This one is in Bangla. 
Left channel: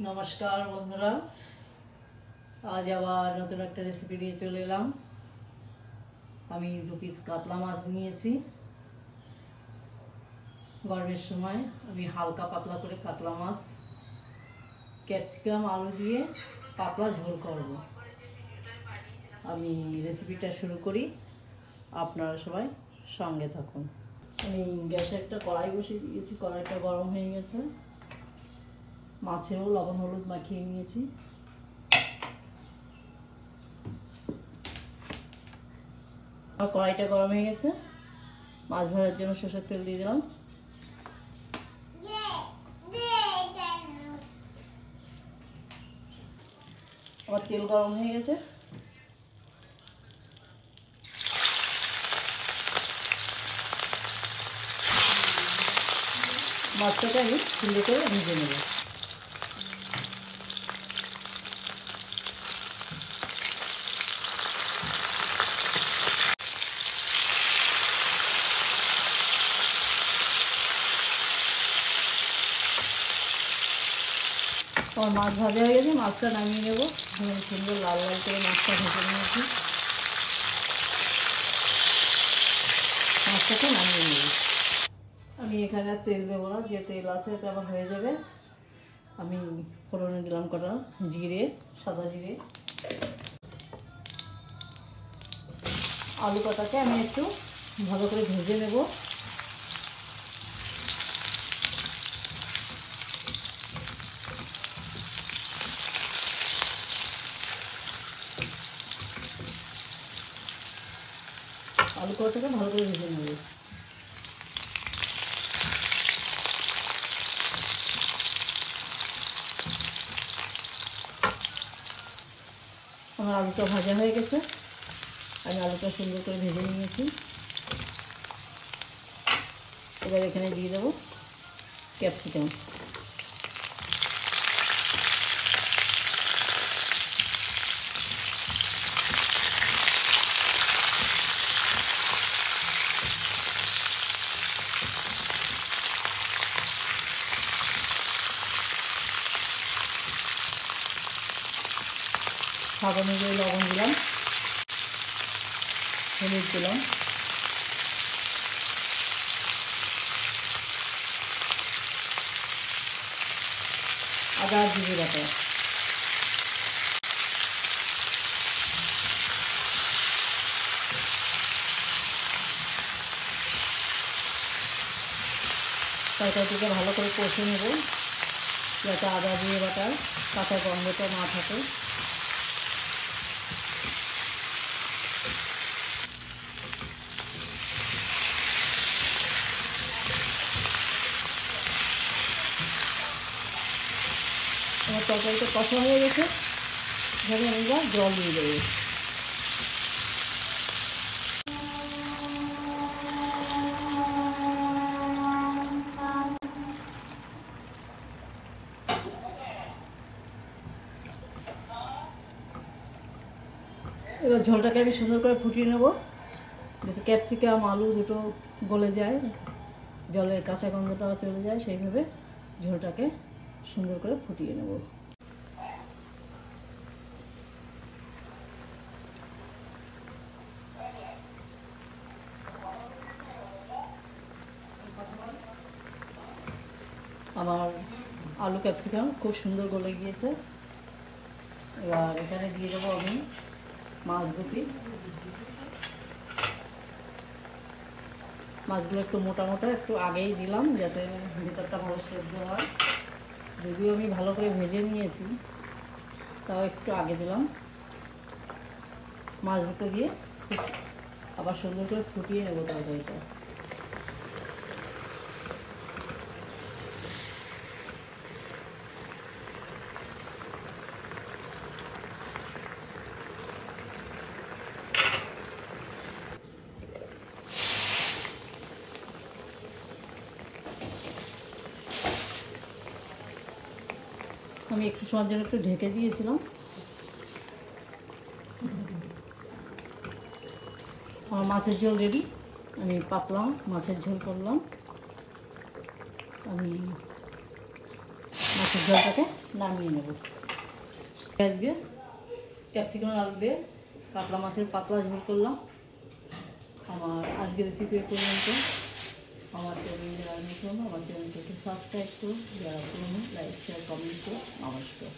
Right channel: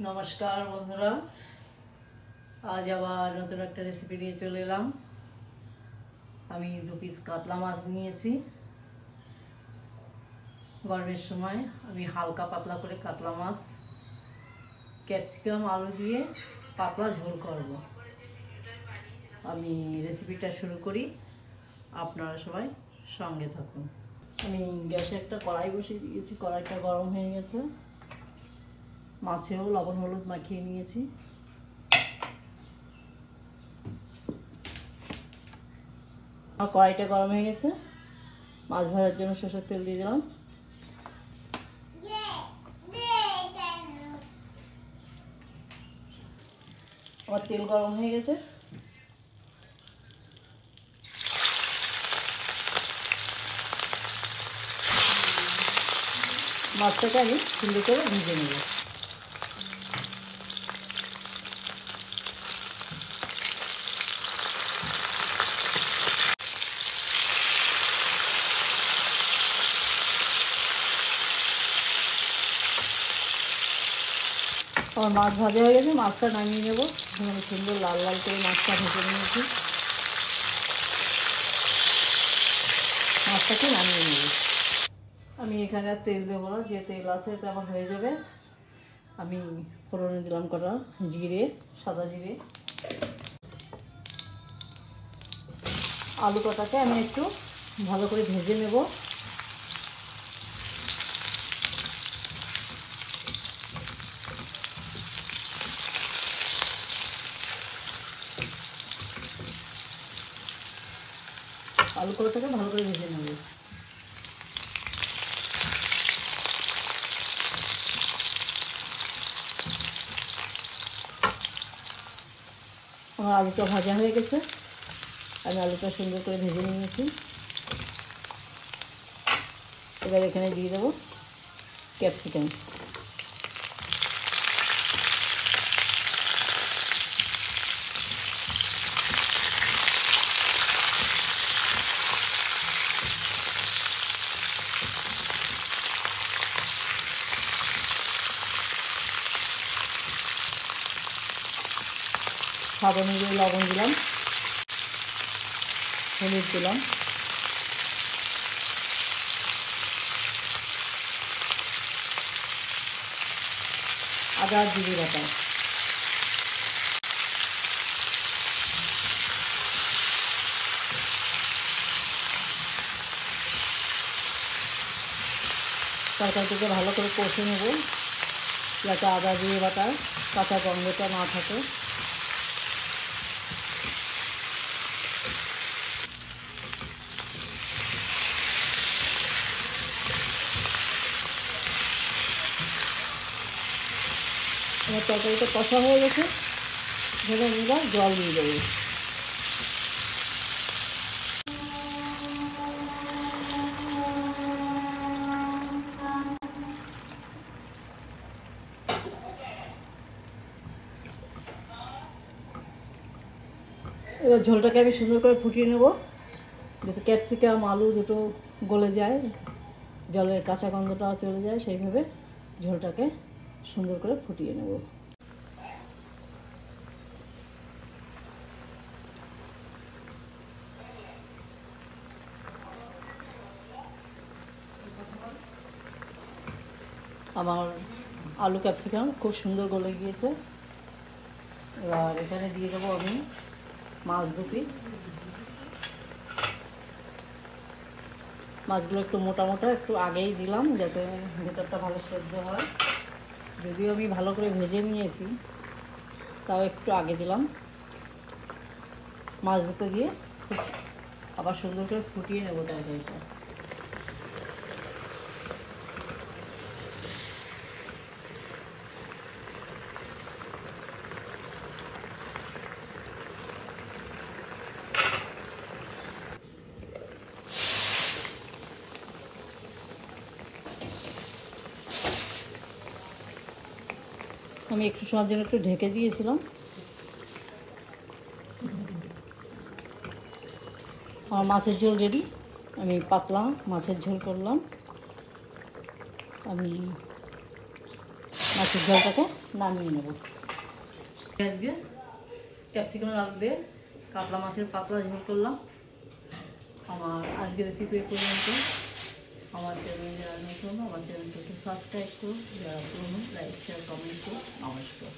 নমস্কার বন্ধুরা, আজ আবার নতুন একটা রেসিপি নিয়ে চলে এলাম। আমি 2 পিস কাতলা মাছ নিয়েছি। গরমের সময় আমি হালকা পাতলা করে কাতলা মাছ ক্যাপসিকাম আলু দিয়ে পাতলা ঝোল করব। আমি রেসিপিটা শুরু করি, আপনারা সবাই সঙ্গে থাকুন। আমি গ্যাসে একটা কড়াই বসিয়ে দিয়েছি, কড়াইটা গরম হয়ে গেছে। মাছেও লবণ হলুদ মাখিয়ে নিয়েছি। আর কড়াইটা গরম হয়ে গেছে, মাছ ভাজার জন্য সরষের তেল দিয়ে দিলাম। আমার তেল গরম হয়ে গেছে, মাছটাকে আমি সুন্দর করে ভেজে নেব। আমার মাছ ভাজা হয়ে গেছে, মাছটা নামিয়ে নেবো। সুন্দর লাল লাল করে মাছটা ভেজে নিয়েছি, মাছটাকে নামিয়ে নেব। আমি এখানে আর তেল দেবো না, যে তেল আছে এটা আমার হয়ে যাবে। আমি ফোড়নে দিলাম কটা জিরে, সাদা জিরে। আলু কটাকে আমি একটু ভালো করে ভেজে নেব। আলু কটাকে ভালো করে ভেজে নেব। আমার আলুটা ভাজা হয়ে গেছে, আমি আলুটা সুন্দর করে ভেজে নিয়েছি। এবার এখানে দিয়ে দেবো ক্যাপসিকাম। স্বাদ অনুযায়ী লবণ দিলাম, হলুদ দিলাম, আদা জিরে বাটা, তরকারিটিকে ভালো করে কষে নেব, যাতে আদা জিরে বাটার কাঁচা গন্ধটা না থাকে। তরকারিটা কষা হয়ে গেছে, ধরে আমরা জল দিয়ে দেবো। এবার ঝোলটাকে আমি সুন্দর করে ফুটিয়ে নেব, যাতে ক্যাপসিকাম আলু দুটো গলে যায়, জলের কাঁচা গন্ধটাও চলে যায়। সেইভাবে ঝোলটাকে সুন্দর করে ফুটিয়ে নেব। আমার আলু ক্যাপসিকাম খুব সুন্দর গলে গিয়েছে। এবার এখানে দিয়ে দেবো আমি মাছ 2 পিস। মাছগুলো একটু মোটা মোটা, একটু আগেই দিলাম যাতে ভেতরটা ভালো সেদ্ধ হয়। যদিও আমি ভালো করে ভেজে নিয়েছি, তাও একটু আগে দিলাম। মাছ দুটো দিয়ে আবার সুন্দর করে ফুটিয়ে নেব তরকারিটা। আমি একটু সময়ের জন্য একটু ঢেকে দিয়েছিলাম। আমার মাছের ঝোল রেডি। আমি পাতলা মাছের ঝোল করলাম। আমি মাছের ঝোলটাকে নামিয়ে নেব। আজকে ক্যাপসিকাম আলু দিয়ে কাতলা মাছের পাতলা ঝোল করলাম। আমার আজকের রেসিপি পর্যন্ত। আমার চ্যানেলে যারা নতুন আমার চ্যানেলটাকে সাবস্ক্রাইব করুন, যারা পুরনো লাইক শেয়ার কমেন্ট করুন। নমস্কার।